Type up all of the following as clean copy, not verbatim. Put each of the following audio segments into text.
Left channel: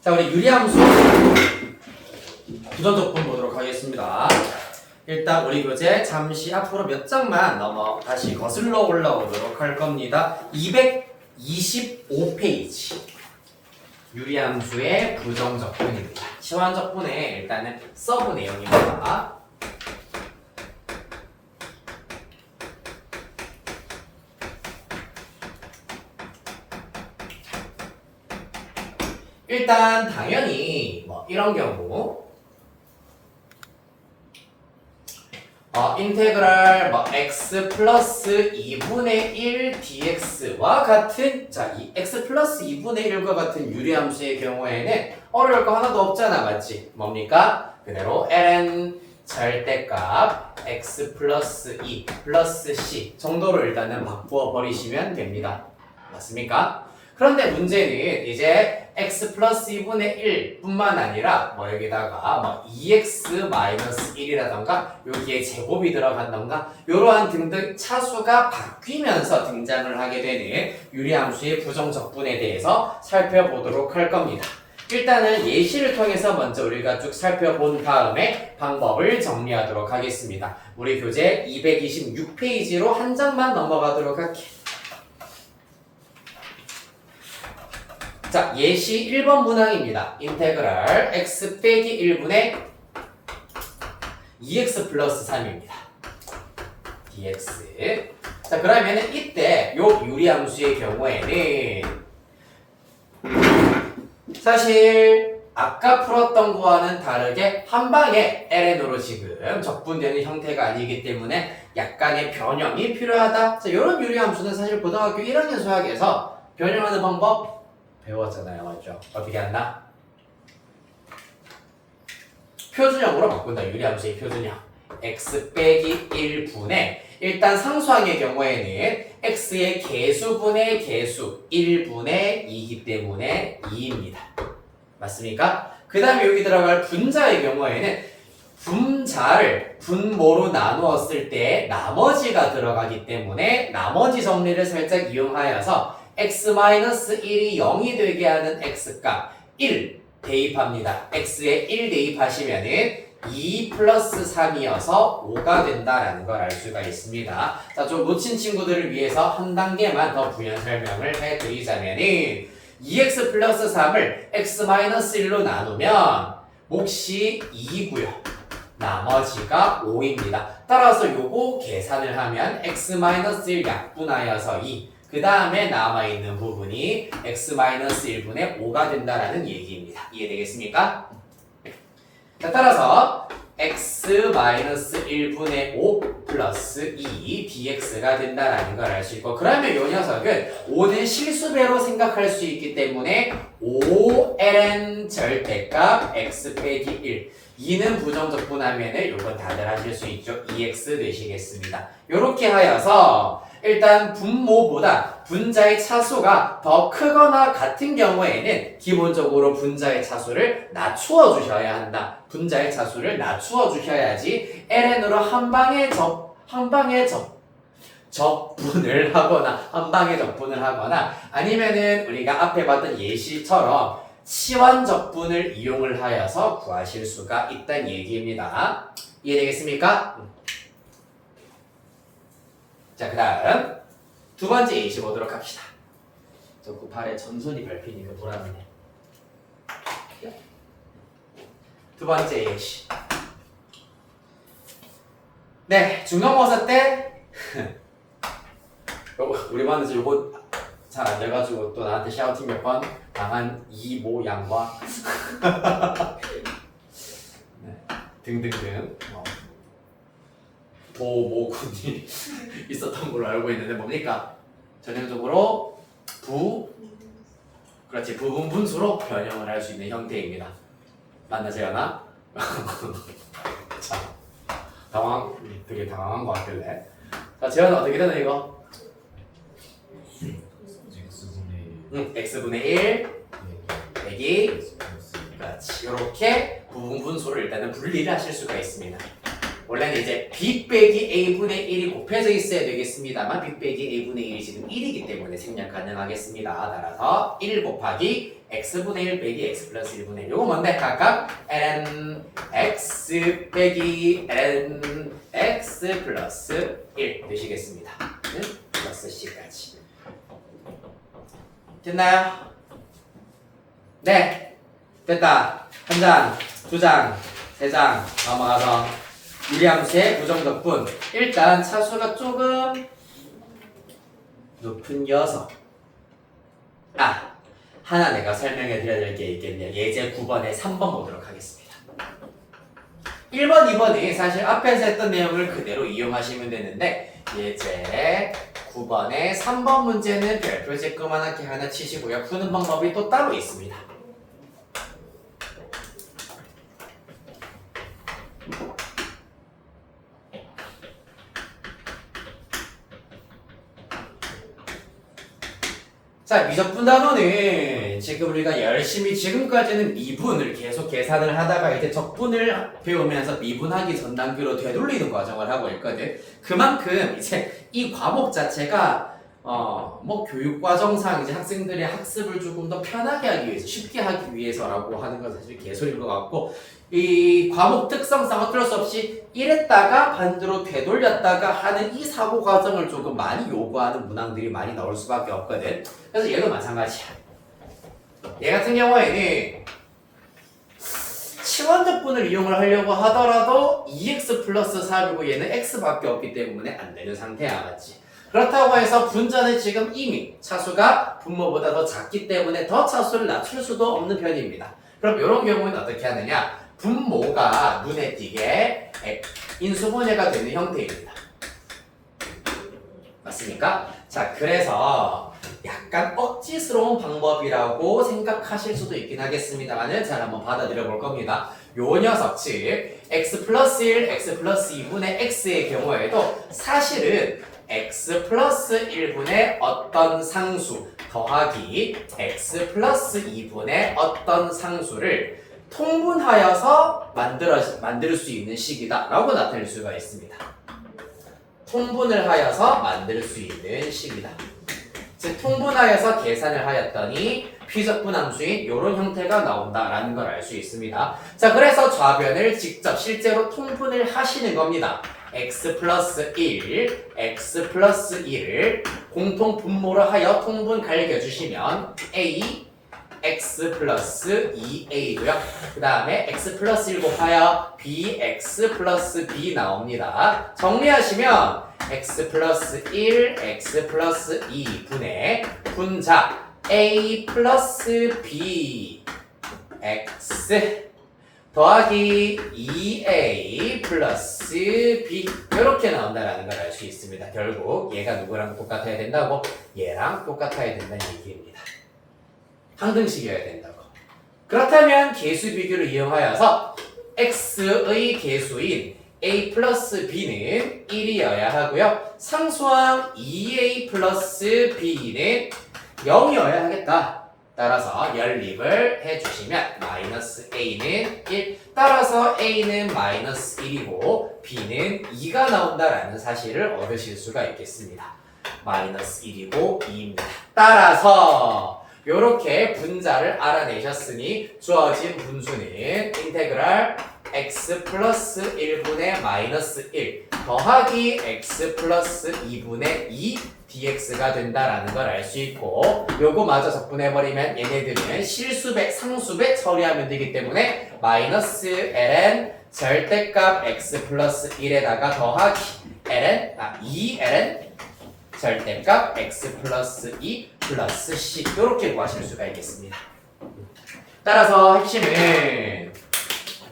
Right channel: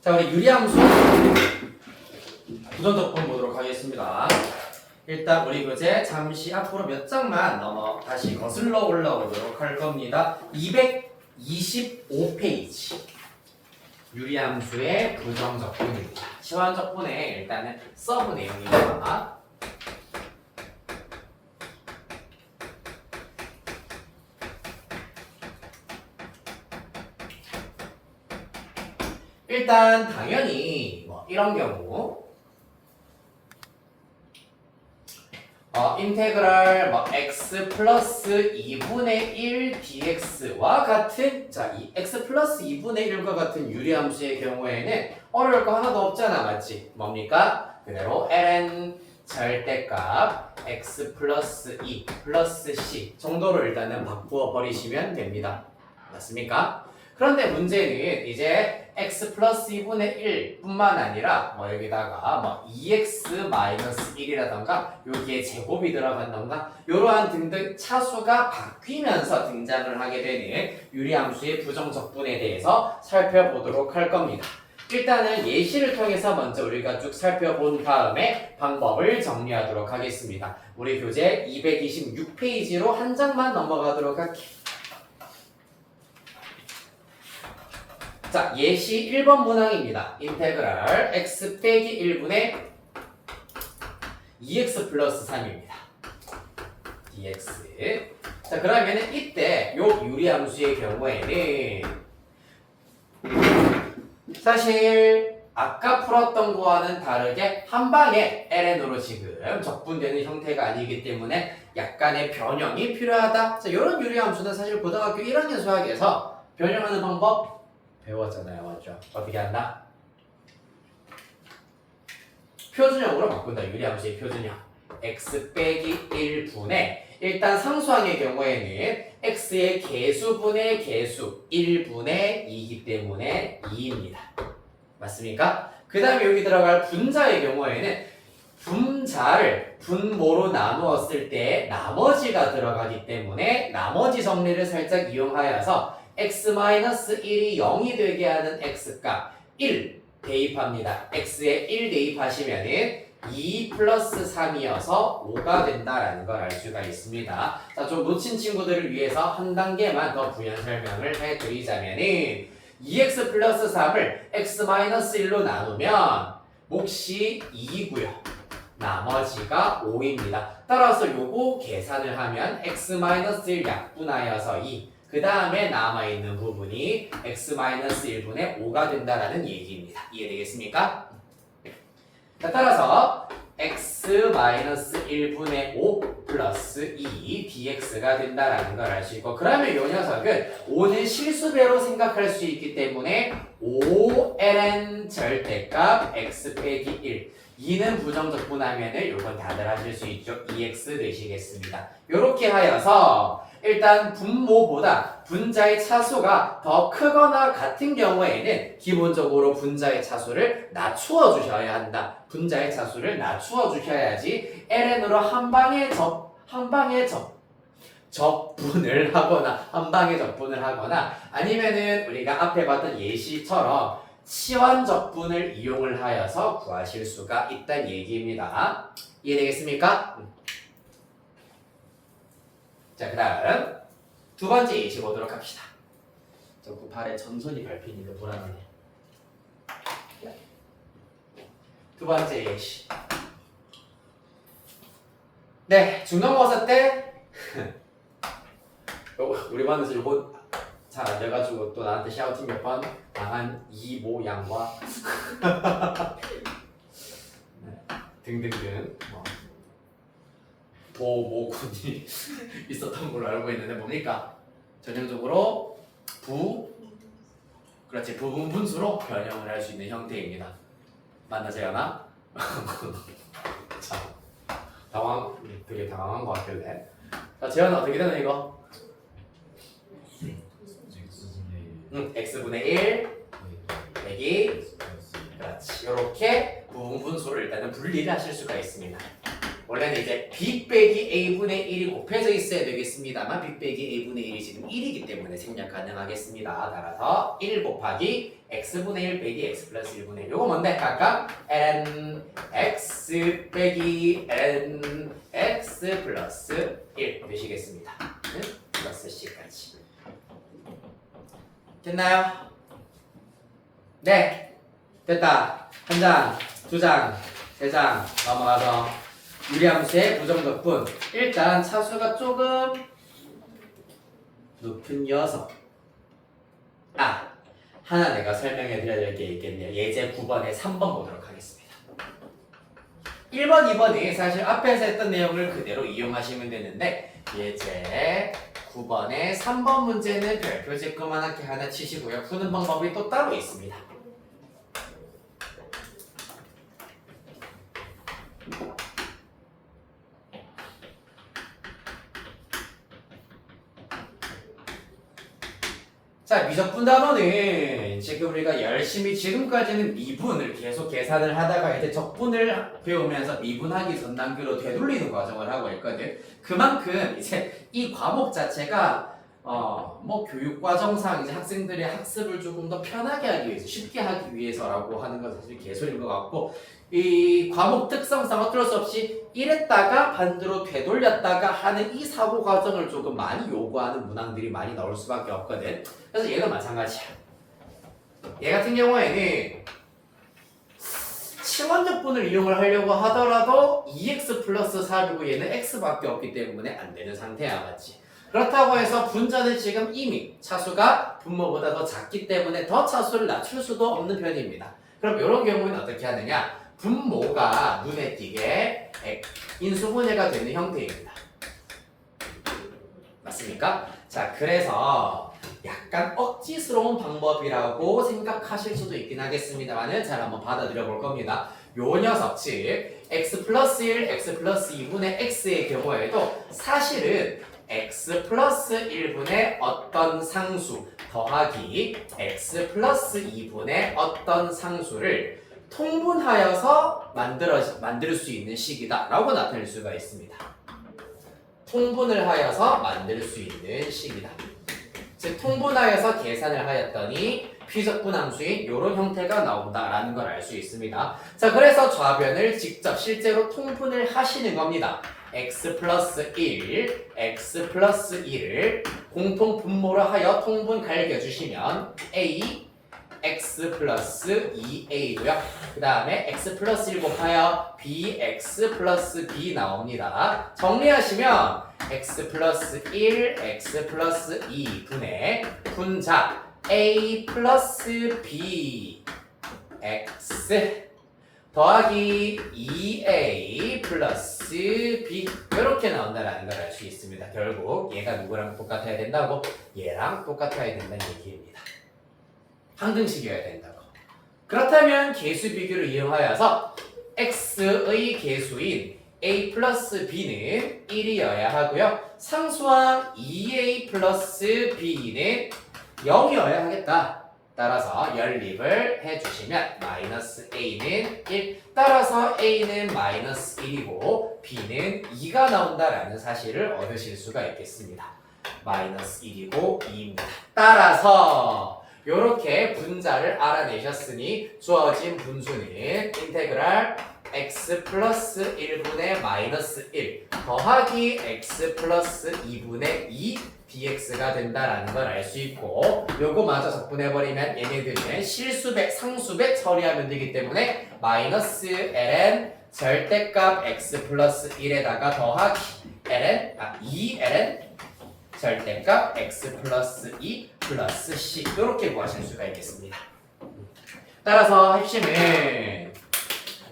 자, 우리 유리함수 부정적분 보도록 하겠습니다. 일단 우리 교재 잠시 앞으로 몇 장만 다시 거슬러 올라오도록 할 겁니다. 225페이지 유리함수의 부정적분입니다. 시환적분의 일단은 서브 내용입니다. 일단 당연히 이런 경우 인테그랄 x 플러스 2분의 1 dx와 같은 이 x 플러스 2분의 1과 같은 유리함수의 경우에는 어려울 거 하나도 없잖아, 맞지? 뭡니까? 그대로 ln 절대값 x 플러스 2 플러스 c 정도로 일단은 바꾸어 버리시면 됩니다. 맞습니까? 그런데 문제는 이제 x 플러스 2분의 1 뿐만 아니라 여기다가 2x 마이너스 1이라던가 여기에 제곱이 들어간던가 이러한 등등 차수가 바뀌면서 등장을 하게 되는 유리함수의 부정적분에 대해서 살펴보도록 할 겁니다. 일단은 예시를 통해서 먼저 우리가 쭉 살펴본 다음에 방법을 정리하도록 하겠습니다. 우리 교재 226페이지로 한 장만 넘어가도록 할게요. 자, 예시 1번 문항입니다. 인테그랄 x 빼기 1분의 2x 플러스 3입니다. dx. 자, 그러면은 이때 요 유리함수의 경우에는 사실 아까 풀었던 거와는 다르게 한 방에 ln으로 지금 적분되는 형태가 아니기 때문에 약간의 변형이 필요하다. 자, 이런 유리함수는 사실 고등학교 1학년 수학에서 변형하는 방법 배웠잖아요, 맞죠? 어떻게 한다? 표준형으로 바꾼다. 유리함수의 표준형. x 빼기 1분의 일단 상수항의 경우에는 x의 개수분의 개수 1분의 2이기 때문에 2입니다. 맞습니까? 그 다음에 여기 들어갈 분자의 경우에는 분자를 분모로 나누었을 때 나머지가 들어가기 때문에 나머지 정리를 살짝 이용하여서 x-1이 0이 되게 하는 x값 1 대입합니다. x에 1 대입하시면은 2 플러스 3이어서 5가 된다라는 걸 알 수가 있습니다. 자, 좀 놓친 친구들을 위해서 한 단계만 더 부연 설명을 해드리자면은 2x 플러스 3을 x-1로 나누면 몫이 2고요. 나머지가 5입니다. 따라서 요거 계산을 하면 x-1 약분하여서 2 그 다음에 남아있는 부분이 x-1분의 5가 된다라는 얘기입니다. 이해되겠습니까? 자, 따라서 x-1분의 5 플러스 2 dx가 된다라는 걸 알 수 있고 그러면 이 녀석은 5는 실수배로 생각할 수 있기 때문에 5ln 절대값 x 빼기 1 2는 부정적분하면은 요건 다들 하실 수 있죠. 2x 되시겠습니다. 요렇게 하여서 일단 분모보다 분자의 차수가 더 크거나 같은 경우에는 기본적으로 분자의 차수를 낮추어 주셔야 한다. 분자의 차수를 낮추어 주셔야지 ln으로 한 방에 적분을 하거나 아니면은 우리가 앞에 봤던 예시처럼 치환적분을 이용을 하여서 구하실 수가 있다는 얘기입니다. 이해되겠습니까? 자, 그 다음 두 번째 예시 보도록 합시다. 저 발에 전손이 밟히니까 보람이네. 두 번째 예시. 네, 중간고사 때 우리 반에서 요거 잘 안 돼가지고 또 나한테 샤우팅 몇 번 당한 이모 양과 네, 등등등 보모군이 있었던 걸로 알고 있는데 뭡니까? 전형적으로 부분 분수로 변형을 할 수 있는 형태입니다. 맞나 재현아? 자, 되게 당황한 것 같길래. 자, 재현아 어떻게 되나 이거? x분의 1 빼기 그렇지. 이렇게 부분 분수를 일단은 분리를 하실 수가 있습니다. 원래는 그러면 이제 b 빼기 a분의 1이 곱해져 있어야 되겠습니다만 b 빼기 a분의 1이 지금 1이기 때문에 생략 가능하겠습니다. 따라서 1 곱하기 x분의 1 빼기 x 플러스 1분의 1. 요거 뭔데? 각각 ln x 빼기 ln x 플러스 1 되시겠습니다. 플러스 c까지. 됐나요? 네. 됐다. 한 장, 두 장, 세 장 넘어가서 유리함수의 부정적분. 일단 차수가 조금 높은 녀석. 하나 내가 설명해 드려야 될 게 있겠네요. 예제 9번에 3번 보도록 하겠습니다. 1번, 2번이 사실 앞에서 했던 내용을 그대로 이용하시면 되는데 예제 9번에 3번 문제는 별표 쬐끄만하게 하나 치시고요. 푸는 방법이 또 따로 있습니다. 자, 미적분 단원은 지금 우리가 열심히 지금까지는 미분을 계속 계산을 하다가 이제 적분을 배우면서 미분하기 전 단계로 되돌리는 과정을 하고 있거든. 그만큼 이제 이 과목 자체가 뭐 교육과정상 이제 학생들의 학습을 조금 더 편하게 하기 위해서, 쉽게 하기 위해서라고 하는 건 사실 개소리인 것 같고, 이 과목 특성상 어쩔 수 없이 이랬다가 반대로 되돌렸다가 하는 이 사고 과정을 조금 많이 요구하는 문항들이 많이 나올 수밖에 없거든. 그래서 얘도 마찬가지야. 얘 같은 경우에는 치원적분을 이용을 하려고 하더라도 2x 플러스 3이고 얘는 x밖에 없기 때문에 안 되는 상태야, 맞지? 그렇다고 해서 분자는 지금 이미 차수가 분모보다 더 작기 때문에 더 차수를 낮출 수도 없는 편입니다. 그럼 이런 경우는 어떻게 하느냐? 분모가 눈에 띄게 인수분해가 되는 형태입니다. 맞습니까? 자, 그래서 약간 억지스러운 방법이라고 생각하실 수도 있긴 하겠습니다만은 잘 한번 받아들여 볼 겁니다. 요 녀석, 즉 x 플러스 1, x 플러스 2분의 x의 경우에도 사실은 x 플러스 1분의 어떤 상수 더하기 x 플러스 2분의 어떤 상수를 통분하여서 만들 수 있는 식이다 라고 나타낼 수가 있습니다. 통분을 하여서 만들 수 있는 식이다. 즉 통분하여서 계산을 하였더니 피적분 함수인 이런 형태가 나온다라는 걸 알 수 있습니다. 자, 그래서 좌변을 직접 실제로 통분을 하시는 겁니다. x 플러스 1, x 플러스 1을 공통 분모로 하여 통분 갈겨주시면 a x 플러스 2a고요. 그 다음에 x 플러스 1 곱하여 bx 플러스 b 나옵니다. 정리하시면 x 플러스 1, x 플러스 2분의 분자 a 플러스 b x 더하기 2a 플러스 b 이렇게 나온다는 걸 알 수 있습니다. 결국 얘가 누구랑 똑같아야 된다고? 얘랑 똑같아야 된다는 얘기입니다. 항등식이어야 된다고. 그렇다면 계수 비교를 이용하여서 x의 계수인 a 플러스 b는 1이어야 하고요. 상수항 2a 플러스 b는 0이어야 하겠다. 따라서 연립을 해주시면 마이너스 a는 1, 따라서 a는 마이너스 1이고 b는 2가 나온다라는 사실을 얻으실 수가 있겠습니다. 마이너스 1이고 2입니다. 따라서 이렇게 분자를 알아내셨으니 주어진 분수는 인테그랄 x 플러스 1분의 마이너스 1 더하기 x 플러스 2분의 2 dx가 된다라는 걸 알 수 있고, 요거 마저 적분해버리면 얘네들은 실수배, 상수배 처리하면 되기 때문에 마이너스 ln 절대값 x 플러스 1에다가 더하기 ln 2ln 절대값 x 플러스 2 플러스 c 이렇게 구하실 수가 있겠습니다. 따라서 핵심은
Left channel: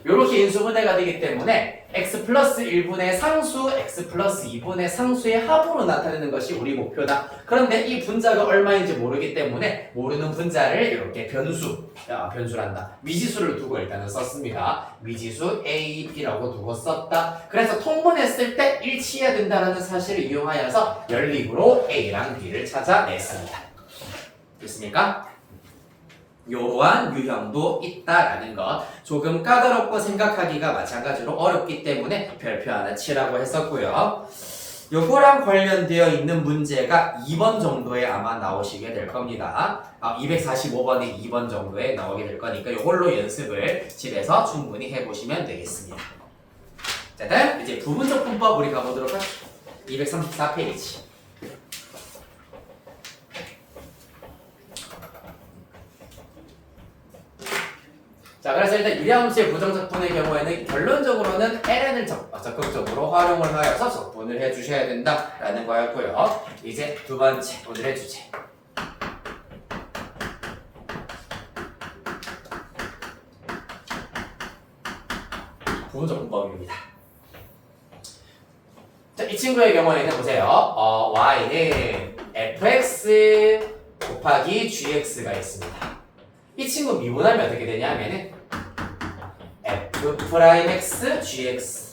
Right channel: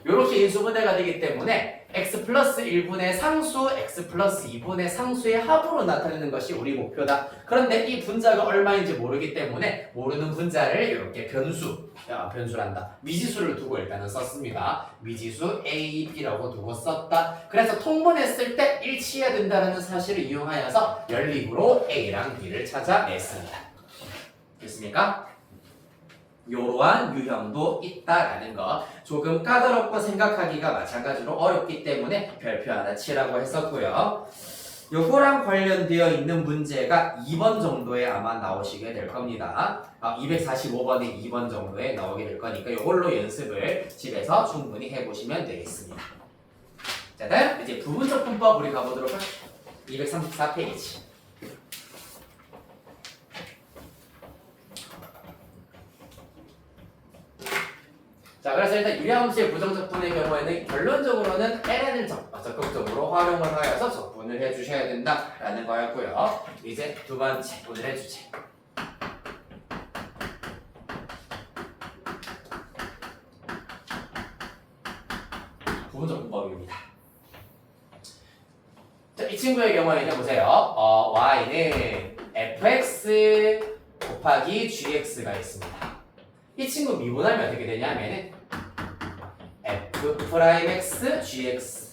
이렇게 인수분해가 되기 때문에 x 플러스 1분의 상수, x 플러스 2분의 상수의 합으로 나타내는 것이 우리 목표다. 그런데 이 분자가 얼마인지 모르기 때문에 모르는 분자를 이렇게 변수란다. 미지수를 두고 일단은 썼습니다. 미지수 a, b라고 두고 썼다. 그래서 통분했을 때 일치해야 된다는 사실을 이용하여서 연립으로 a랑 b를 찾아냈습니다. 됐습니까? 요러한 유형도 있다라는 것. 조금 까다롭고 생각하기가 마찬가지로 어렵기 때문에 별표 하나 치라고 했었고요. 요거랑 관련되어 있는 문제가 2번 정도에 아마 나오시게 될 겁니다. 245번에 2번 정도에 나오게 될 거니까 요걸로 연습을 집에서 충분히 해보시면 되겠습니다. 자, 다음 이제 부분적 분법 우리 가보도록 할게요. 234페이지. 자, 그래서 일단 유리함수의 부정적분의 경우에는 결론적으로는 ln을 적극적으로 활용을 하여서 적분을 해주셔야 된다라는 거였고요. 이제 두 번째 오늘의 주제. 부분적분법입니다. 자, 이 친구의 경우에는 보세요. y는 fx 곱하기 gx가 있습니다. 이 친구 미분하면 어떻게 되냐면은 f'x gx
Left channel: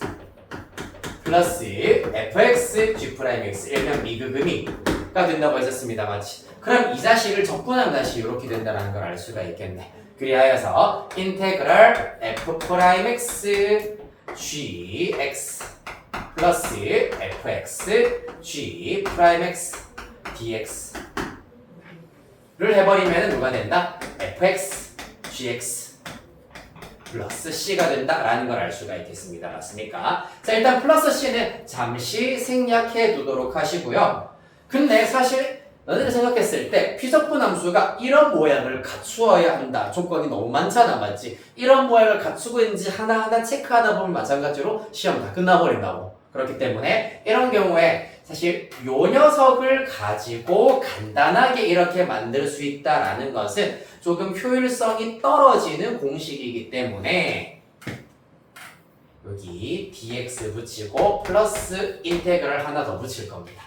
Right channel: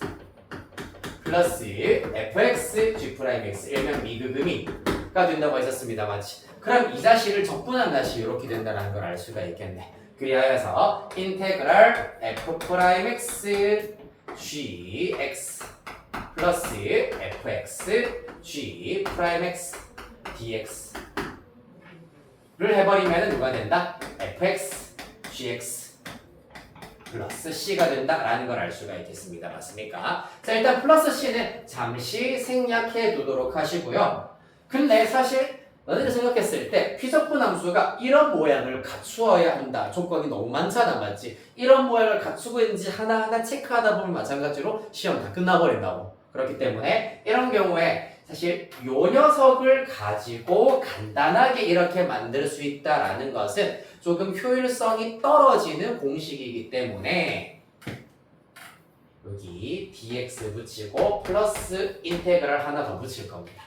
플러스 fx g'x 일명 미그금이가 된다고 했었습니다. 맞지? 그럼 이 자식을 적분하면 다시 이렇게 된다는 걸 알 수가 있겠네. 그리하여서 인테그랄 f'x gx 플러스 fx g'x dx 를 해버리면 누가 된다? fx gx 플러스 c가 된다라는 걸 알 수가 있겠습니다. 맞습니까? 자, 일단 플러스 c는 잠시 생략해 두도록 하시고요. 근데 사실 너희들이 생각했을 때 피적분 함수가 이런 모양을 갖추어야 한다. 조건이 너무 많잖아. 맞지? 이런 모양을 갖추고 있는지 하나하나 체크하다 보면 마찬가지로 시험 다 끝나버린다고. 그렇기 때문에 이런 경우에 사실 요 녀석을 가지고 간단하게 이렇게 만들 수 있다라는 것은 조금 효율성이 떨어지는 공식이기 때문에 여기 dx 붙이고 플러스 인테그랄 하나 더 붙일 겁니다.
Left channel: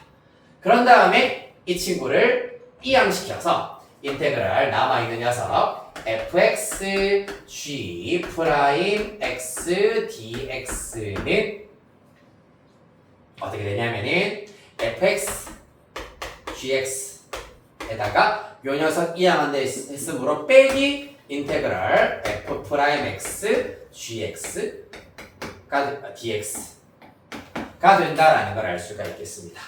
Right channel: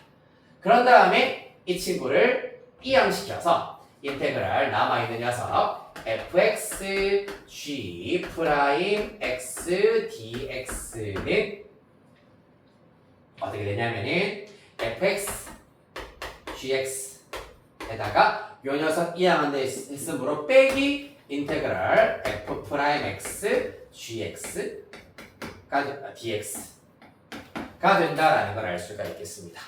그런 다음에 이 친구를 이항시켜서 인테그랄 남아있는 녀석 fx g 프라임 x dx는 어떻게 되냐면은 fx gx에다가 요 녀석 이항한 데 있으므로 빼기 인테그랄 f 프라임 x gx가 dx가 된다라는 걸 알 수가 있겠습니다.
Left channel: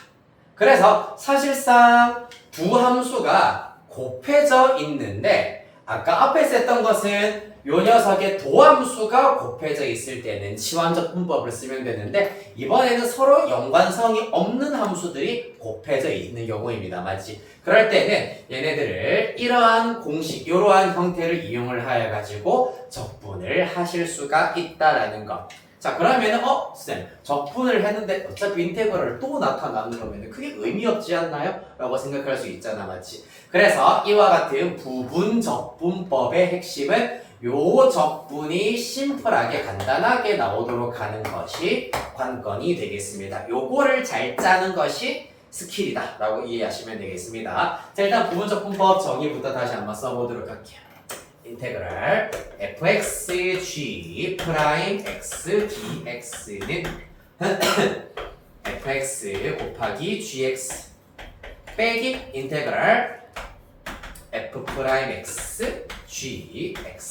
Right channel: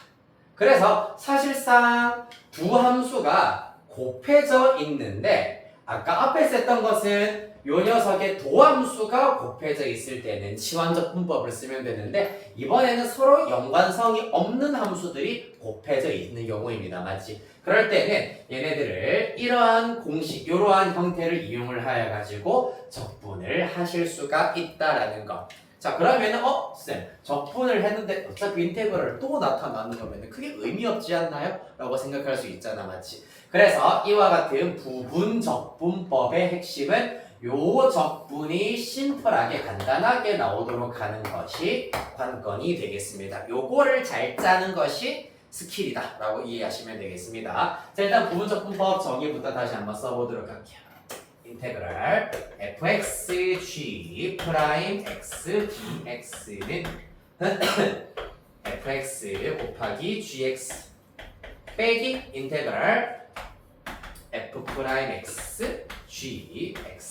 그래서 사실상 두 함수가 곱해져 있는데 아까 앞에서 했던 것은 요 녀석의 도함수가 곱해져 있을 때는 치환적분법을 쓰면 되는데 이번에는 서로 연관성이 없는 함수들이 곱해져 있는 경우입니다. 맞지? 그럴 때는 얘네들을 이러한 공식, 이러한 형태를 이용을 하여 가지고 적분을 하실 수가 있다라는 것. 자, 그러면은 쌤, 적분을 했는데 어차피 인테그랄을 또 나타나는 거면 크게 의미 없지 않나요? 라고 생각할 수 있잖아. 맞지? 그래서 이와 같은 부분적분법의 핵심은 요 적분이 심플하게 간단하게 나오도록 하는 것이 관건이 되겠습니다. 요거를 잘 짜는 것이 스킬이다 라고 이해하시면 되겠습니다. 자, 일단 부분적분법 정의부터 다시 한번 써보도록 할게요. 인테그랄 fx g 프라임 x dx는 fx 곱하기 gx 빼기 인테그랄 f 프라임 x gx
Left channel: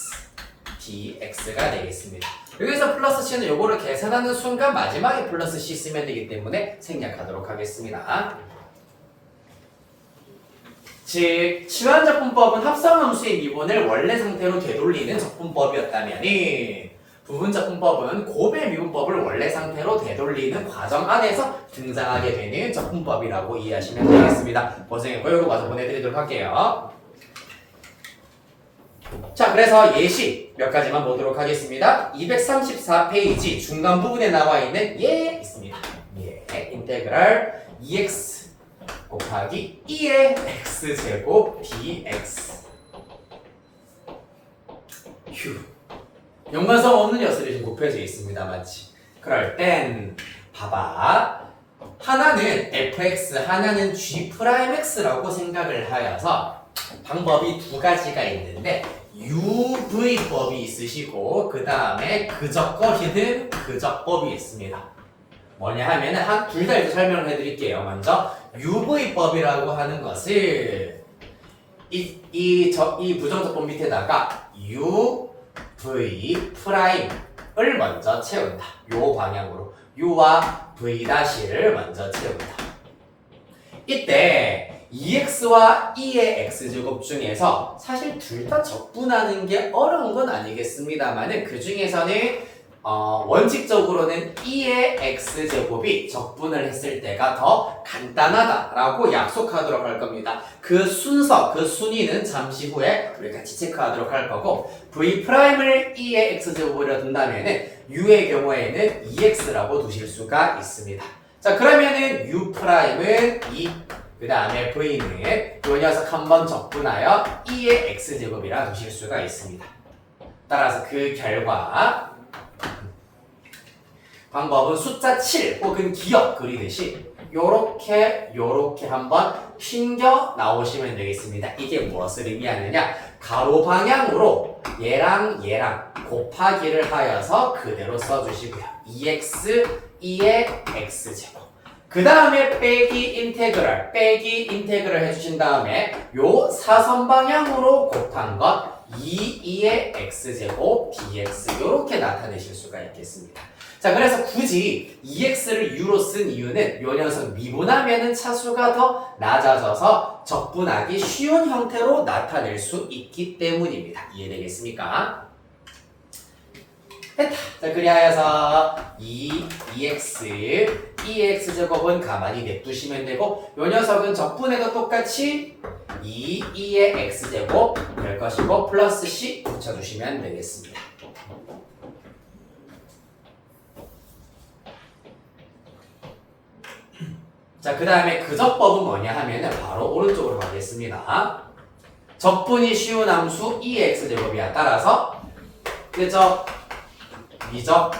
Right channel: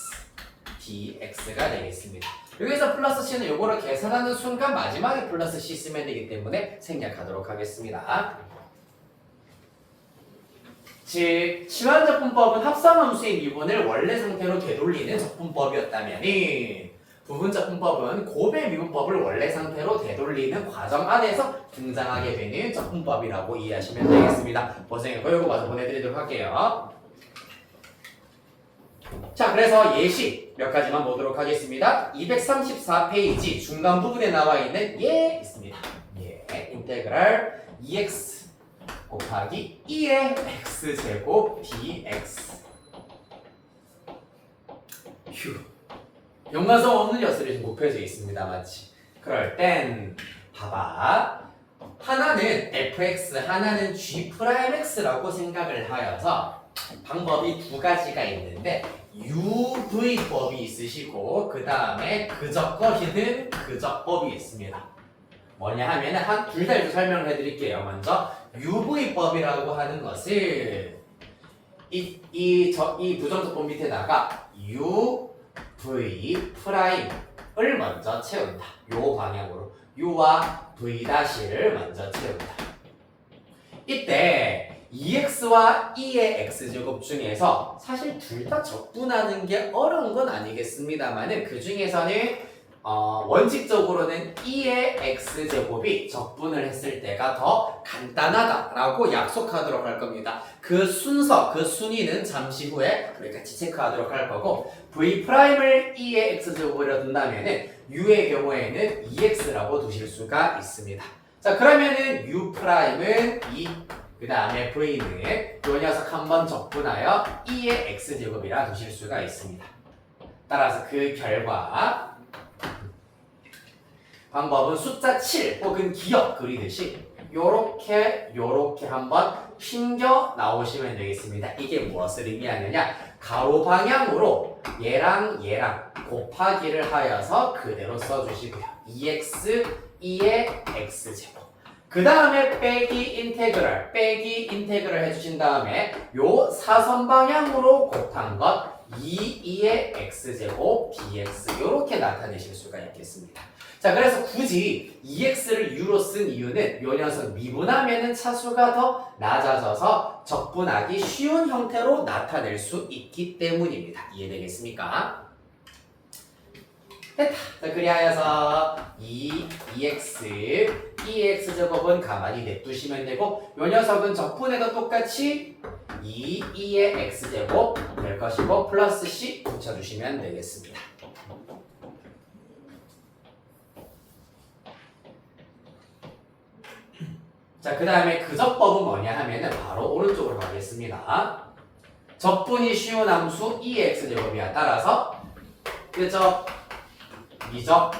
dx가 되겠습니다. 여기서 플러스 c는 요거를 계산하는 순간 마지막에 플러스 c 쓰면 되기 때문에 생략하도록 하겠습니다. 즉, 치환적분법은 합성함수의 미분을 원래 상태로 되돌리는 적분법이었다면 부분적분법은 곱의 미분법을 원래 상태로 되돌리는 과정 안에서 등장하게 되는 적분법이라고 이해하시면 되겠습니다. 고생했고 요거 마저 보내드리도록 할게요. 자, 그래서 예시 몇 가지만 보도록 하겠습니다. 234페이지 중간 부분에 나와 있는 예 있습니다. 예, 인테그랄 2x 곱하기 2의 x제곱 dx. 휴. 연관성 없는 녀석이 좀 곱해져 있습니다. 맞지? 그럴 땐 봐봐. 하나는 fx, 하나는 g'x라고 생각을 하여서 방법이 두 가지가 있는데 UV법이 있으시고 그 다음에 그적거리는 그적법이 있습니다. 뭐냐 하면은 둘 다 이제 설명을 해드릴게요. 먼저 UV법이라고 하는 것을 이 부정적분 밑에다가 u, v 프라임을 먼저 채운다. 요 방향으로 u와 v''를 먼저 채운다. 이때 2x와 2의 x제곱 중에서 사실 둘 다 적분하는 게 어려운 건 아니겠습니다만은 그 중에서는 원칙적으로는 2의 x제곱이 적분을 했을 때가 더 간단하다라고 약속하도록 할 겁니다. 그 순서, 그 순위는 잠시 후에 우리 같이 체크하도록 할 거고 v'을 2의 x제곱으로 둔다면은 u의 경우에는 2x라고 두실 수가 있습니다. 자, 그러면은 u'은 2, 그 다음에 v는 이 녀석 한번 적분하여 2의 x제곱이라 두실 수가 있습니다. 따라서 그 결과 방법은 숫자 7 혹은 기억 그리듯이 요렇게 한번 핀겨 나오시면 되겠습니다. 이게 무엇을 의미하느냐? 가로 방향으로 얘랑 곱하기를 하여서 그대로 써주시고요. 2x, 2의 x제곱. 그 다음에 빼기 인테그랄 해주신 다음에 요 사선 방향으로 곱한 것 2의 x제곱 dx 요렇게 나타내실 수가 있겠습니다. 자, 그래서 굳이 2x를 u로 쓴 이유는 요 녀석 미분하면은 차수가 더 낮아져서 적분하기 쉬운 형태로 나타낼 수 있기 때문입니다. 이해되겠습니까? 됐다. 자, 그리하여서 2x, 2x제곱은 가만히 냅두시면 되고 요 녀석은 적분해도 똑같이 2의 x제곱 될 것이고 플러스 c 붙여주시면 되겠습니다. 자, 그 다음에 그 적법은 뭐냐 하면은 바로 오른쪽으로 가겠습니다. 적분이 쉬운 함수 2의 x제곱이야. 따라서 그적, 미적,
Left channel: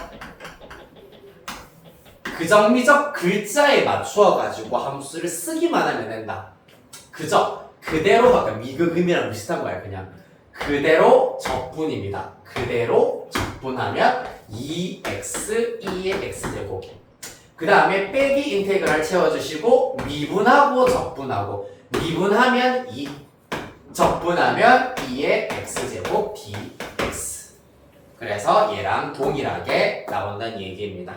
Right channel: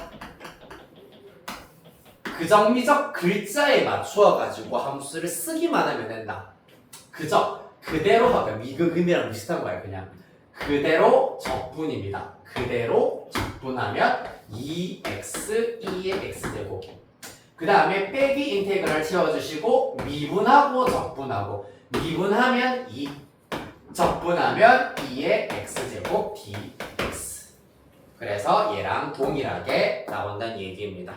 그적, 미적 글자에 맞추어 가지고 함수를 쓰기만 하면 된다. 그적, 그대로 아까 미그금이랑 비슷한 거야. 그냥 그대로 적분입니다. 그대로 적분하면 2x, 2의 x제곱. 그 다음에 빼기 인테그랄 채워주시고 미분하고 적분하고 미분하면 2 적분하면 2의 x제곱 dx. 그래서 얘랑 동일하게 나온다는 얘기입니다.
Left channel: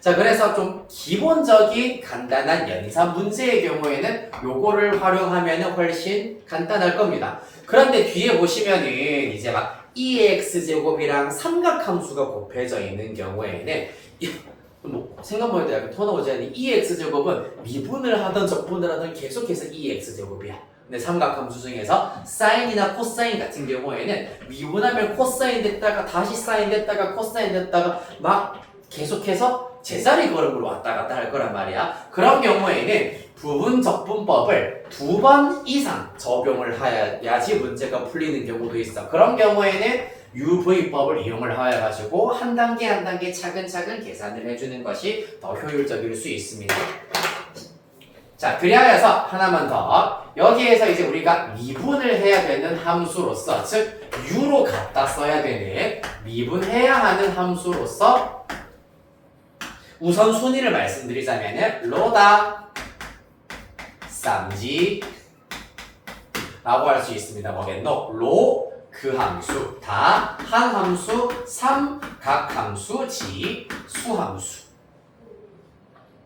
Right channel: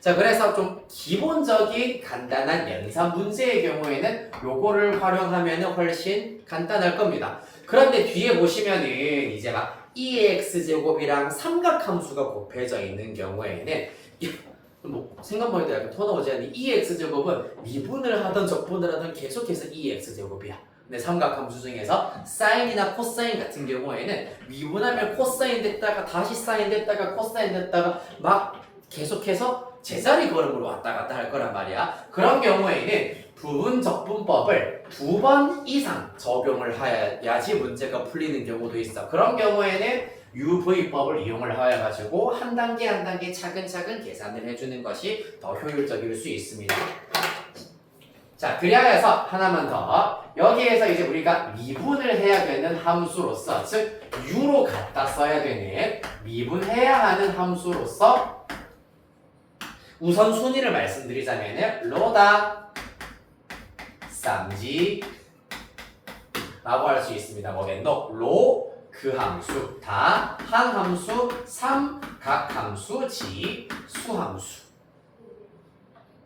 자, 그래서 좀 기본적인 간단한 연산 문제의 경우에는 요거를 활용하면 훨씬 간단할 겁니다. 그런데 뒤에 보시면은 이제 막 2의 x제곱이랑 삼각함수가 곱해져 있는 경우에는 뭐 생각만 해도 약간 토 나오지 않니? 2의 x제곱은 미분을 하든 적분을 하든 계속해서 2의 x제곱이야. 근데 삼각함수 중에서 사인이나 코사인 같은 경우에는 미분하면 코사인 됐다가 다시 사인 됐다가 코사인 됐다가 막 계속해서 제자리 걸음으로 왔다 갔다 할 거란 말이야. 그런 경우에는 부분적분법을 2번 이상 적용을 해야지 문제가 풀리는 경우도 있어. 그런 경우에는 UV법을 이용을 하여 가지고 한 단계 차근차근 계산을 해주는 것이 더 효율적일 수 있습니다. 자, 그리하여서 하나만 더. 여기에서 이제 우리가 미분을 해야 되는 함수로서, 즉 u로 갖다 써야 되는 미분해야 하는 함수로서 우선 순위를 말씀드리자면은 로다, 쌈지 라고 할 수 있습니다. 뭐겠노? 로, 그 함수, 다, 한 함수, 삼각함수, 지, 수함수.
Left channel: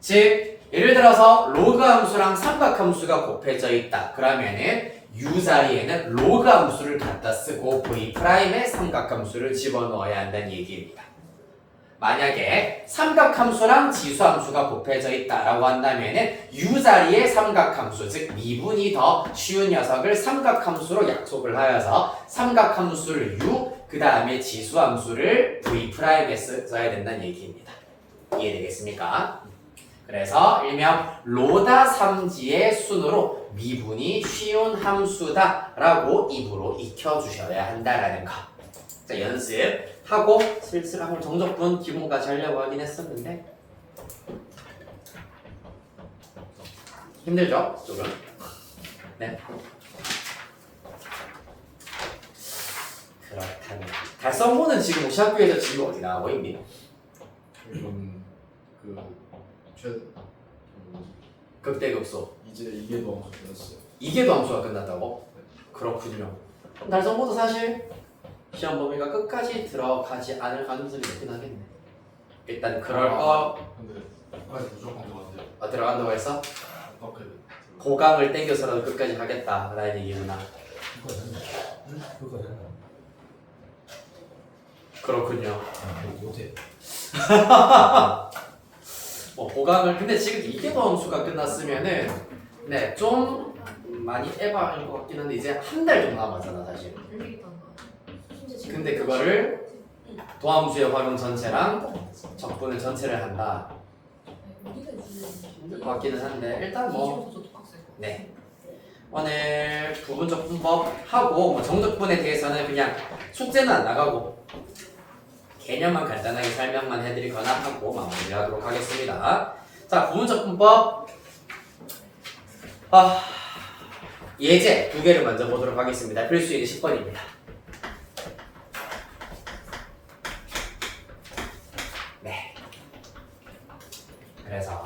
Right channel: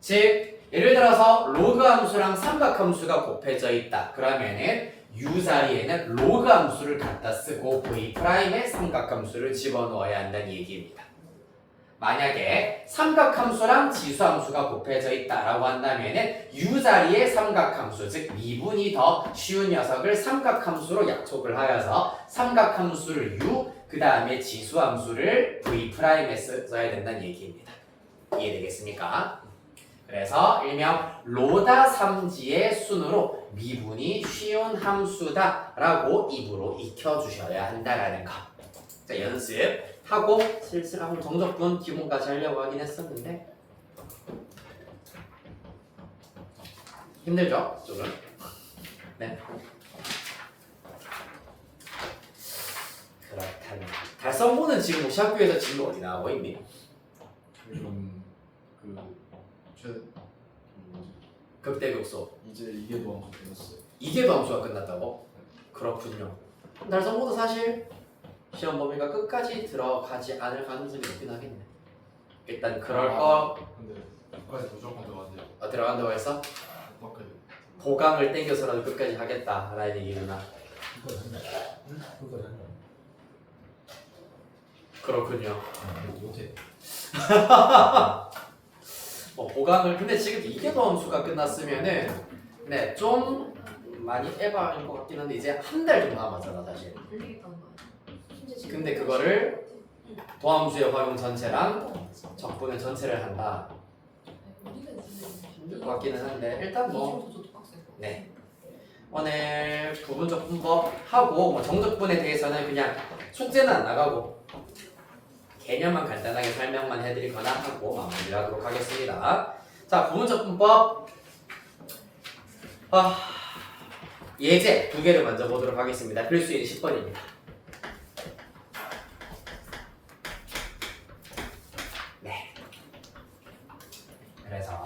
즉 예를 들어서 로그 함수랑 삼각함수가 곱해져 있다. 그러면은 u 자리에는 로그 함수를 갖다 쓰고 v'에 삼각함수를 집어넣어야 한다는 얘기입니다. 만약에 삼각함수랑 지수함수가 곱해져 있다라고 한다면은 u 자리에 삼각함수, 즉 미분이 더 쉬운 녀석을 삼각함수로 약속을 하여서 삼각함수를 u, 그 다음에 지수함수를 v'에 써야 된다는 얘기입니다. 이해되겠습니까? 그래서 일명 로다 삼지의 순으로 미분이 쉬운 함수다라고 입으로 익혀주셔야 한다라는 거. 자, 연습하고 슬슬 한번 정적분 기본까지 하려고 하긴 했었는데 힘들죠? 조금. 네. 그렇다면 달성문은 지금 혹시 학교에서 지금 어디 나오고 있니? 극대극소. 이제 이계도 함수 끝났어요. 이계도 함수가 끝났다고? 그렇군요. 달성모도 사실 시험 범위가 끝까지 들어가지 않을 가능성이 높긴 하겠네. 일단 그럴 거 근데 끝까지 무조건 들어간대요. 들어간다고 해서 어떻게? 고강을 땡겨서라도 끝까지 하겠다라는 얘기구나. 그거 된다. 응? 그거 된다. 그렇군요. 못해. 고강을 근데 지금 이계 범수가 끝났으면은 네 좀 많이 에바일 것 같긴 한데 이제 한 달 정도 남았잖아 사실. 근데 그거를 도함수의 활용 전체랑 적분의 전체를 한다. 힘들 것 같기는 한데 일단 뭐 네. 오늘 부분적 분법 하고 뭐 정적분에 대해서는 그냥 숙제는 안 나가고 개념만 간단하게 설명만 해드리거나 하고 마무리하도록 하겠습니다. 자, 부분적 분법 예제 두 개를 먼저 보도록 하겠습니다. 필수예제 10번입니다. 네. 그래서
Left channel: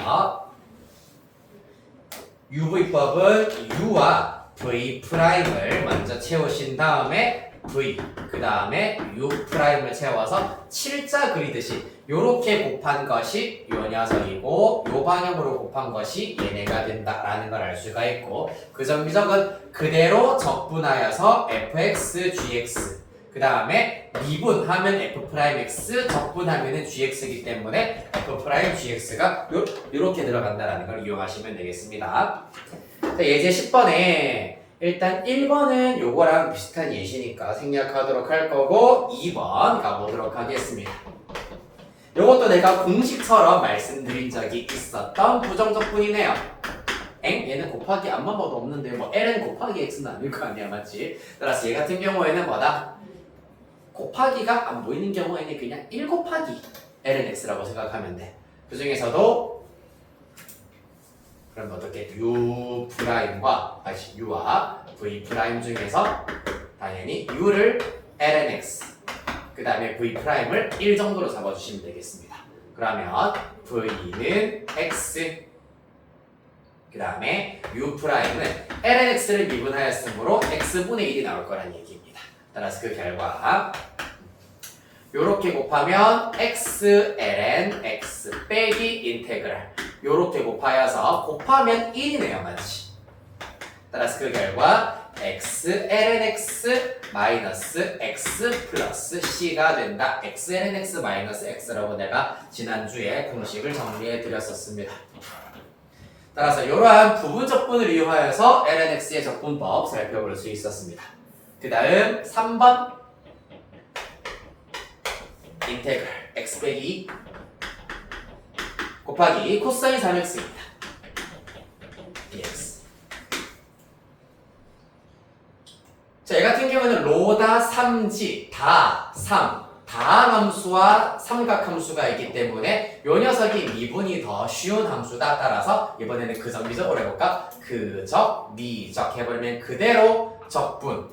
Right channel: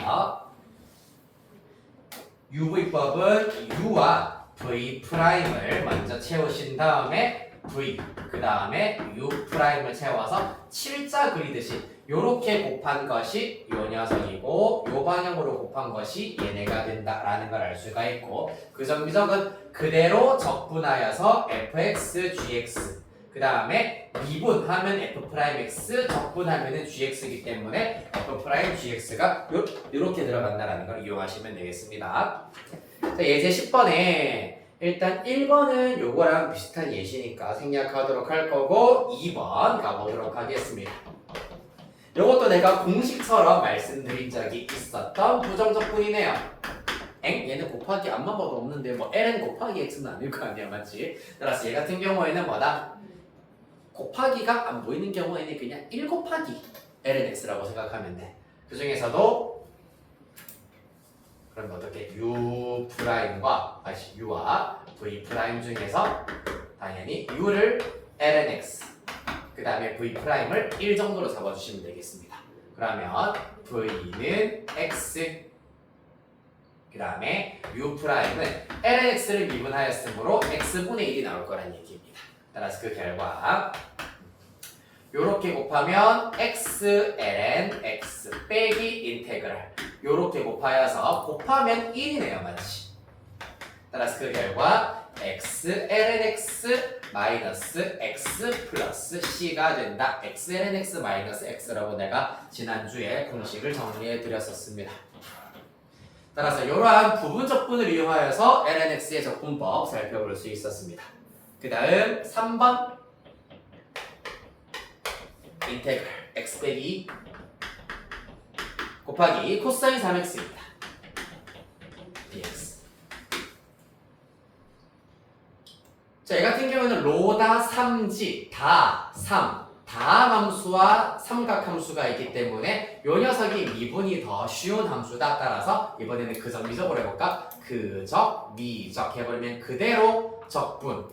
UV법은 U와 V'을 먼저 채우신 다음에 V 그 다음에 U'을 채워서 7자 그리듯이 요렇게 곱한 것이 요 녀석이고 요 방향으로 곱한 것이 얘네가 된다라는 걸 알 수가 있고 그 정비적은 그대로 적분하여서 fx, gx 그 다음에 미분하면 f'x 적분하면 gx이기 때문에 f'gx가 요렇게 들어간다라는 걸 이용하시면 되겠습니다. 자, 예제 10번에 일단 1번은 요거랑 비슷한 예시니까 생략하도록 할 거고 2번 가보도록 하겠습니다. 요것도 내가 공식처럼 말씀드린 적이 있었던 부정적분이네요. 얘는 곱하기 앞만 봐도 없는데 뭐 ln 곱하기 x는 아닐 거 아니야, 맞지? 따라서 얘 같은 경우에는 뭐다? 곱하기가 안 보이는 경우에는 그냥 1 곱하기 ln x라고 생각하면 돼. 그 중에서도 그럼 어떻게 u'과 v' 중에서 당연히 u를 ln x 그 다음에 v'을 1 정도로 잡아주시면 되겠습니다. 그러면 v는 x 그 다음에 u'은 ln x를 미분하였으므로 x분의 1이 나올 거란 얘기입니다. 따라서 그 결과 요렇게 곱하면 x ln x 빼기 인테그랄 요렇게 곱하여서 곱하면 1이네요, 맞지? 따라서 그 결과 x ln x 마이너스 x 플러스 c가 된다. x ln x 마이너스 x라고 내가 지난주에 공식을 정리해 드렸었습니다. 따라서 이러한 부분적분을 이용하여서 ln x의 적분법 살펴볼 수 있었습니다. 그 다음 3번 인테그랄 x 빼기 곱하기 코사인 3x입니다. dx. 자, 얘 같은 경우는 로다 3지 다 3, 다함 함수와 삼각함수가 있기 때문에 요 녀석이 미분이 더 쉬운 함수다. 따라서 이번에는 그적 미적으로 해볼까? 그적 미적 해버리면 그대로 적분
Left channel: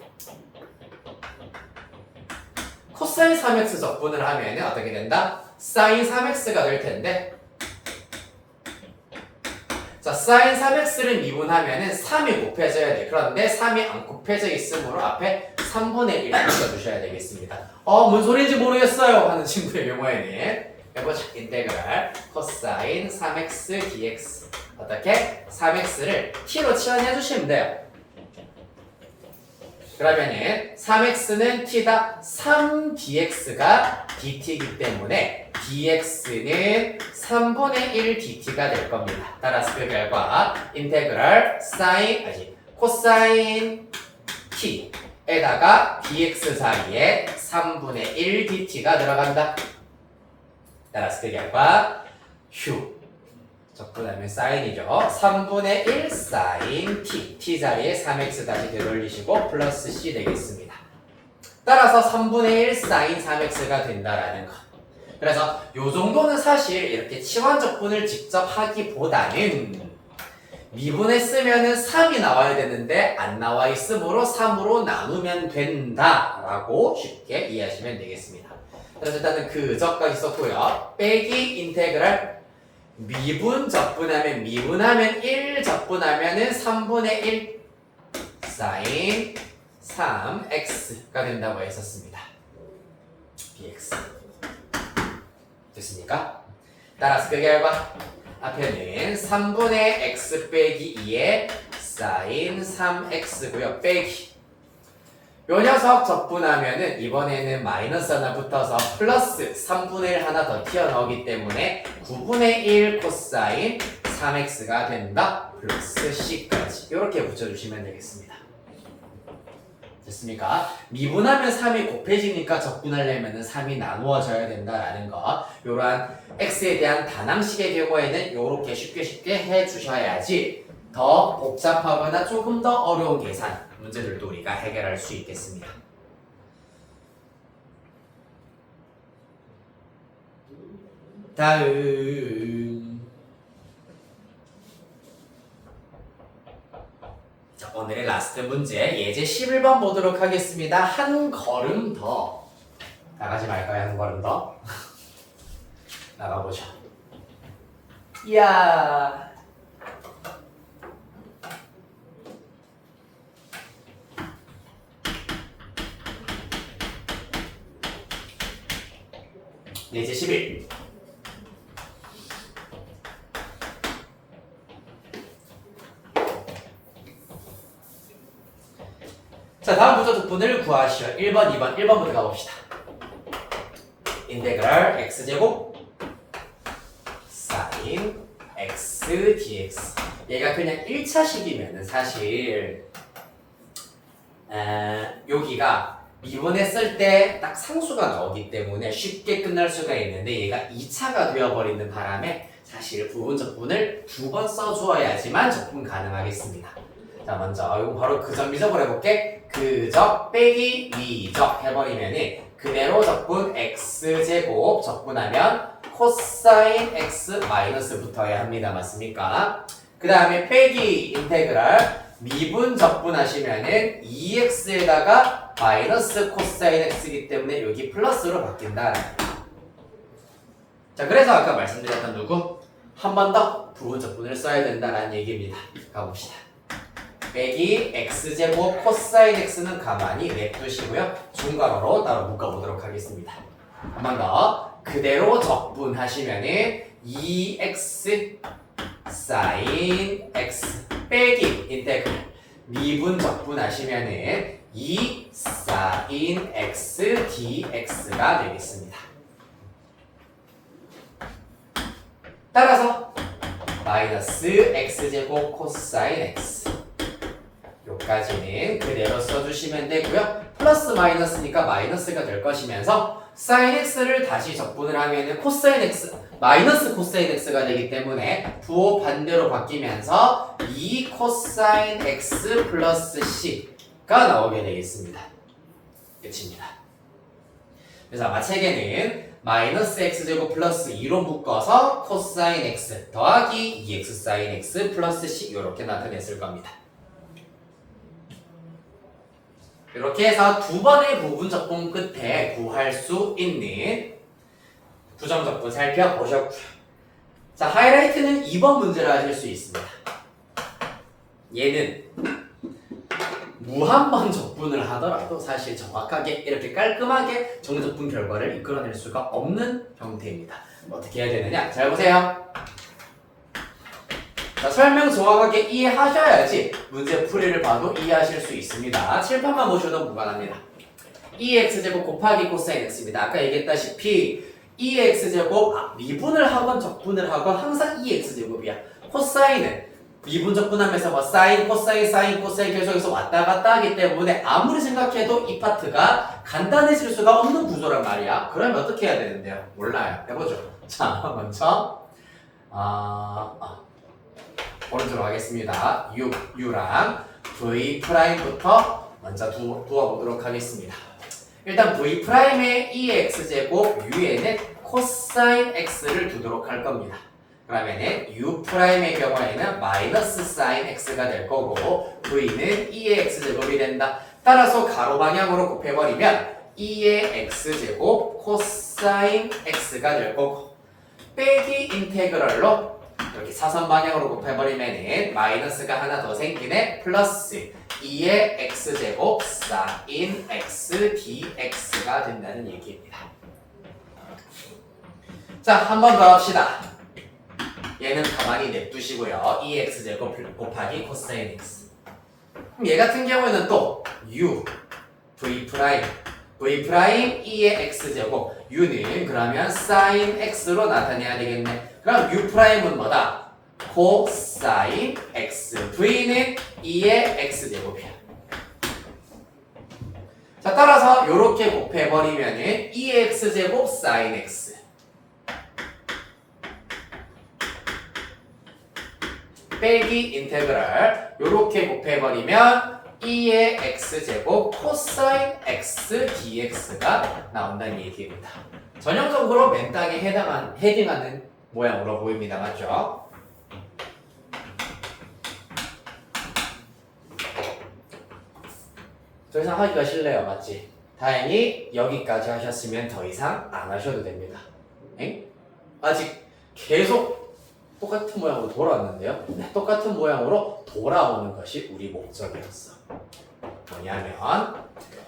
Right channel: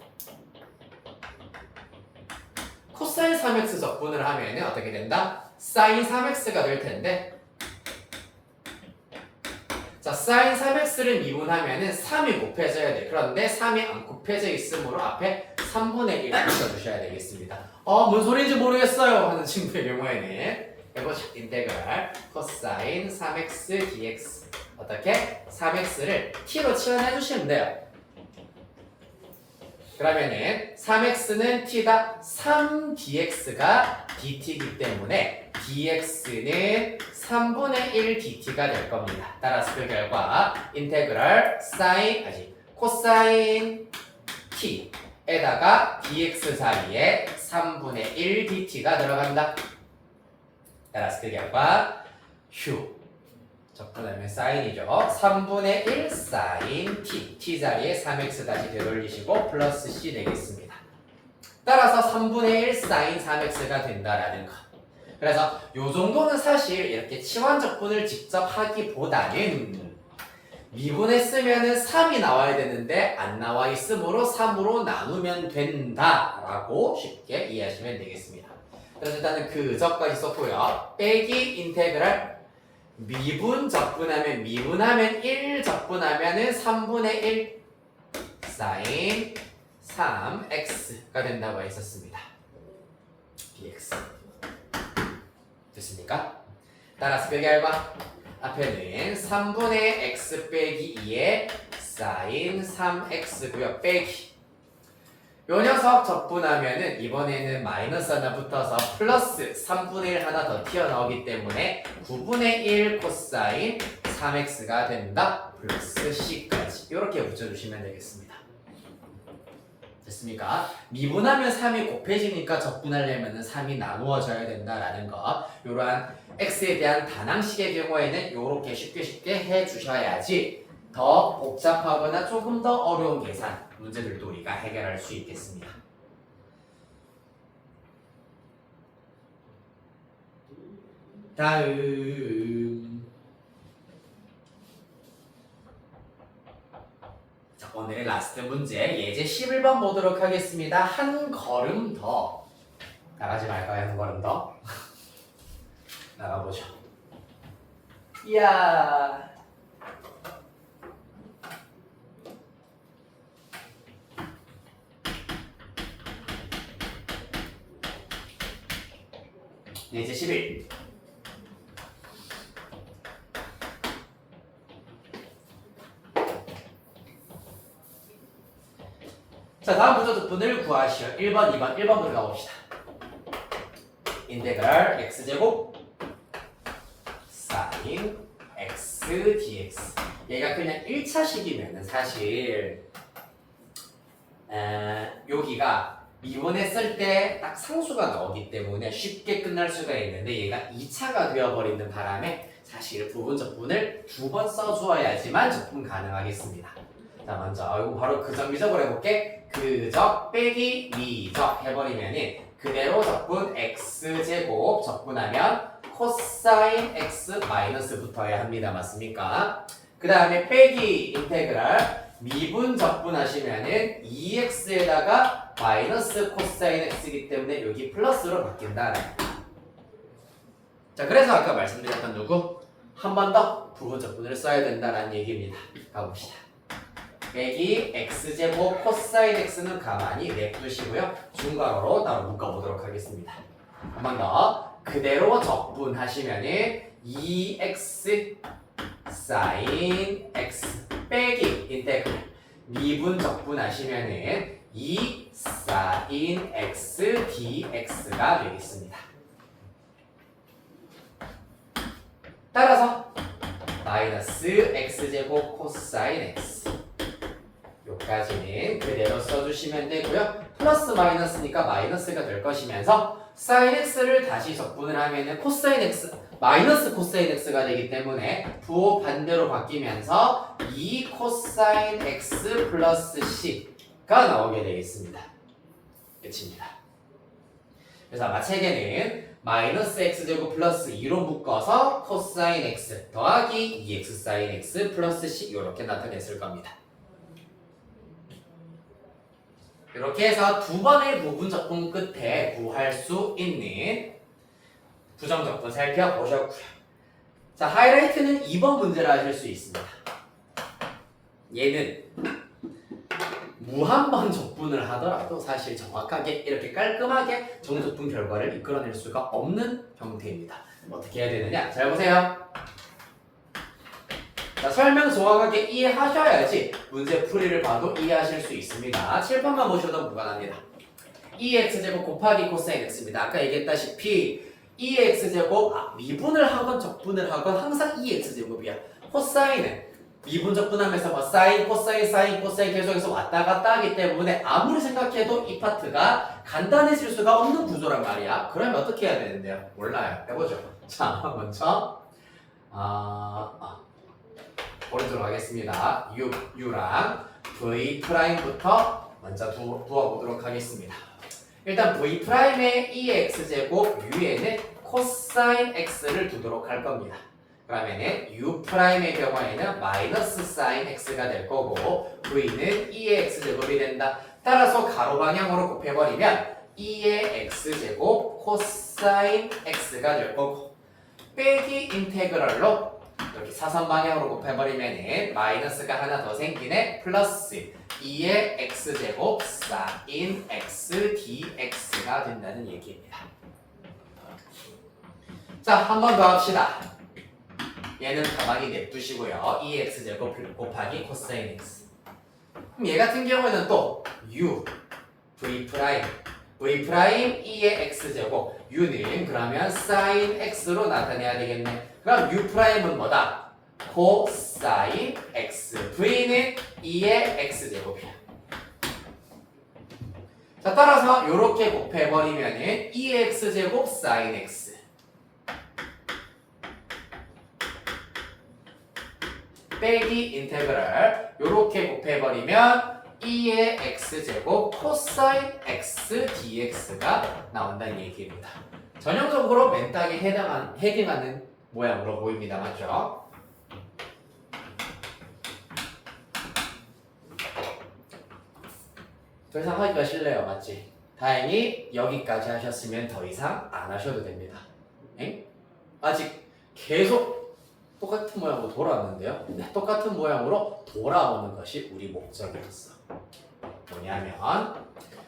코사인 3x 적분을 하면 어떻게 된다? 사인 3x가 될 텐데 자, 사인 3x를 미분하면은 3이 곱해져야 돼. 그런데 3이 안 곱해져 있으므로 앞에 3분의 1 붙여주셔야 되겠습니다. 뭔 소리인지 모르겠어요 하는 친구의 경우에는 해보자. 인테그랄 코사인 3x dx 어떻게? 3x를 t로 치환해 주시면 돼요. 그러면은 3x는 t다 3dx가 dt이기 때문에 dx는 3분의 1 dt가 될 겁니다. 따라서 그 결과 인테그랄 코사인 t에다가 dx 사이에 3분의 1 dt가 들어간다. 따라서 그 결과 적분하면 사인이죠. 3분의 1 사인 t 자리에 3x 다시 되돌리시고 플러스 c 되겠습니다. 따라서 3분의 1 사인 3x가 된다라는 것. 그래서 요 정도는 사실 이렇게 치환적분을 직접 하기보다는 미분했으면은 3이 나와야 되는데 안 나와 있으므로 3으로 나누면 된다라고 쉽게 이해하시면 되겠습니다. 그래서 일단은 그저까지 썼고요. 빼기 인테그랄 미분 적분하면 1 적분하면은 3분의 1 사인 3x가 된다고 했었습니다. dx 됐습니까? 따라서 그 결과 앞에는 3분의 x 빼기 2의 sin 3x고요. 빼기 요 녀석 적분하면은 이번에는 마이너스 하나 붙어서 플러스 3분의 1 하나 더 튀어나오기 때문에 9분의 1 코사인 3x가 된다. 플러스 c까지 이렇게 붙여주시면 되겠습니다. 됐습니까? 미분하면 3이 곱해지니까 적분하려면 3이 나누어져야 된다라는 거. 이러한 x에 대한 단항식의 경우에는 이렇게 쉽게 해주셔야지 더 복잡하거나 조금 더 어려운 계산 문제들도 우리가 해결할 수 있겠습니다. 다음 자, 오늘의 라스트 문제 예제 11번 보도록 하겠습니다. 한 걸음 더 나가지 말까요? 한 걸음 더 나가보죠. 이야 예제 11 자, 다음 부조 적분을 구하시오. 1번, 2번, 1번부터 가봅시다. 인테그랄 x제곱 sin x dx 얘가 그냥 1차식이면은 사실 여기가 미분했을 때 딱 상수가 나오기 때문에 쉽게 끝날 수가 있는데 얘가 2차가 되어버리는 바람에 사실 부분 적분을 2번 써주어야지만 적분 가능하겠습니다. 자, 먼저 이거 바로 그적 미적으로 해볼게. 그적 빼기 미적 해버리면은 그대로 적분 x제곱 적분하면 코사인 x 마이너스 붙어야 합니다. 맞습니까? 그 다음에 빼기 인테그랄 미분 적분하시면은 2x에다가 마이너스 코사인 x이기 때문에 여기 플러스로 바뀐다. 자, 그래서 아까 말씀드렸던 누구? 한 번 더 부분 적분을 써야 된다는 얘기입니다. 가봅시다. 빼기 x제곱 코사인 x는 가만히 냅두시고요. 중괄호로 따로 묶어보도록 하겠습니다. 한 번 더 그대로 적분하시면은 2x sin x 빼기 인테그랄 미분 적분하시면은 2 sin x dx가 되겠습니다. 따라서 마이너스 x제곱 코사인 x 요까지는 그대로 써주시면 되고요. 플러스 마이너스니까 마이너스가 될 것이면서 sin x를 다시 적분을 하면은 코사인 x 마이너스 코사인 x가 되기 때문에 부호 반대로 바뀌면서 2 코사인 x 플러스 c가 나오게 되겠습니다. 끝입니다. 그래서 아마 책에는 마이너스 x제곱 플러스 2로 묶어서 코사인 x 더하기 2x 사인 x 플러스 c 이렇게 나타냈을 겁니다. 이렇게 해서 두 번의 부분 적분 끝에 구할 수 있는 부정 적분 살펴보셨고요. 자, 하이라이트는 2번 문제를 하실 수 있습니다. 얘는 무한번 적분을 하더라도 사실 정확하게 이렇게 깔끔하게 정적분 결과를 이끌어낼 수가 없는 형태입니다. 어떻게 해야 되느냐? 잘 보세요. 자, 설명 정확하게 이해하셔야지 문제 풀이를 봐도 이해하실 수 있습니다. 칠판만 보셔도 무관합니다. 2x제곱 곱하기 코사인 x입니다. 아까 얘기했다시피 2x제곱 미분을 하건 적분을 하건 항상 2x제곱이야. 코사인은 미분 적분하면서 뭐 사인, 코사인 계속해서 왔다 갔다 하기 때문에 아무리 생각해도 이 파트가 간단해질 수가 없는 구조란 말이야. 그러면 어떻게 해야 되는데요? 몰라요. 해보죠. 자, 먼저 오른쪽으로 가겠습니다. U랑 V'부터 먼저 두어보도록 하겠습니다. 일단 V'의 2x제곱 U에는 코사인 x를 두도록 할 겁니다. 그러면은 U'의 경우에는 마이너스 사인 x가 될 거고 V는 2의 x제곱이 된다. 따라서 가로 방향으로 곱해버리면 2의 x제곱 코사인 x가 될 거고 빼기 인테그랄로 이렇게 사선 방향으로 곱해버리면은 마이너스가 하나 더 생기네. 플러스 2의 x제곱 sin x dx가 된다는 얘기입니다. 자, 한 번 더 합시다. 얘는 가만히 냅두시고요. 2x제곱 곱하기 코사인 x. 그럼 얘 같은 경우에는 또 u, v 프라임, v 프라임 2의 x제곱. u는 그러면 sin x로 나타내야 되겠네. 그럼 u 프라임은 뭐다? 코사인 x. v는 2의 x제곱이야. 자, 따라서 이렇게 곱해버리면은 2의 x제곱 sin x. 빼기 인테그랄 요렇게 곱해버리면 2의 x제곱 코사인 x dx가 나온다는 얘기입니다. 전형적으로 맨땅에 헤딩하는 모양으로 보입니다. 맞죠? 더 이상 하기가 싫네요. 맞지? 다행히 여기까지 하셨으면 더 이상 안 하셔도 됩니다. 엥? 아직 계속 똑같은 모양으로 돌아왔는데요. 네, 똑같은 모양으로 돌아오는 것이 우리 목적이었어. 뭐냐면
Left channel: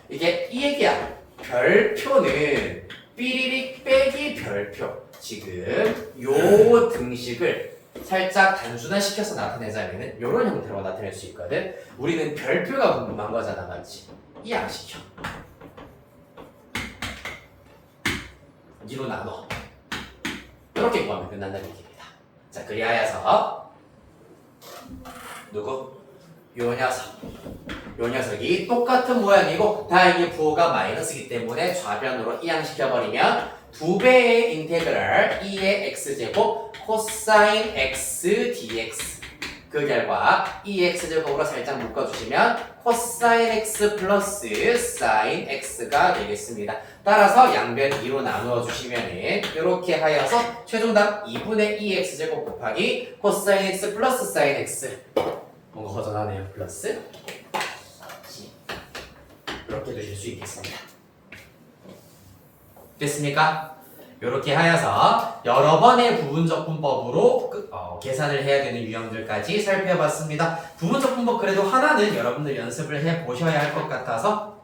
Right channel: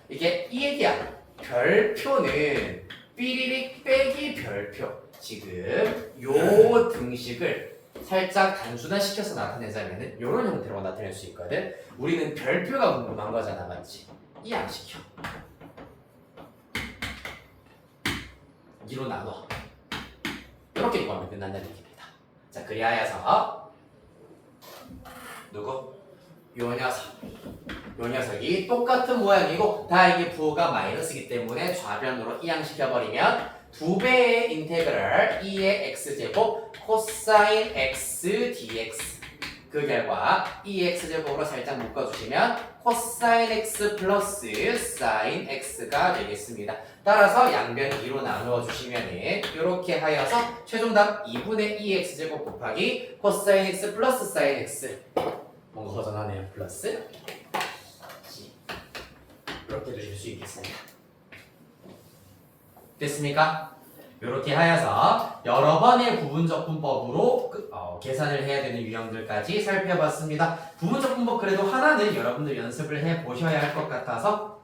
이게 이 얘기야. 별표는 삐리릭 빼기 별표. 지금 요 등식을 살짝 단순화시켜서 나타내자면은 요런 형태로 나타낼 수 있거든. 우리는 별표가 궁금한 거잖아. 맞지? 이항시켜. 2로 나눠. 이렇게 구하면 끝난다는 얘기입니다. 자, 그리하여서 누구? 요 녀석이 똑같은 모양이고 다행히 부호가 마이너스이기 때문에 좌변으로 이항시켜버리면 2배의 인테그랄 2의 x제곱 코사인 x dx 그 결과 2x제곱으로 살짝 묶어주시면 코사인 x 플러스 사인 x가 되겠습니다. 따라서 양변 2로 나누어 주시면은 이렇게 하여서 최종답 2분의 2x제곱 곱하기 코사인 x 플러스 사인 x 뭔가 허전하네요. 플러스 이렇게 두실 수 있겠습니다. 됐습니까? 이렇게 하여서 여러 번의 부분적 분법으로 계산을 해야 되는 유형들까지 살펴봤습니다. 부분적 분법 그래도 하나는 여러분들 연습을 해 보셔야 할 것 같아서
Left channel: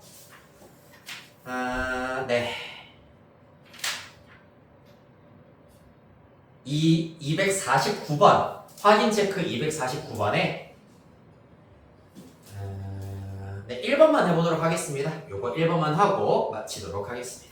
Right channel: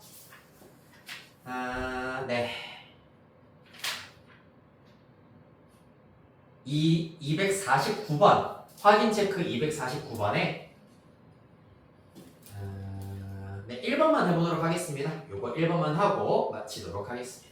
네. 이 249번 확인 체크 249번에 네, 1번만 해보도록 하겠습니다. 요거 1번만 하고 마치도록 하겠습니다.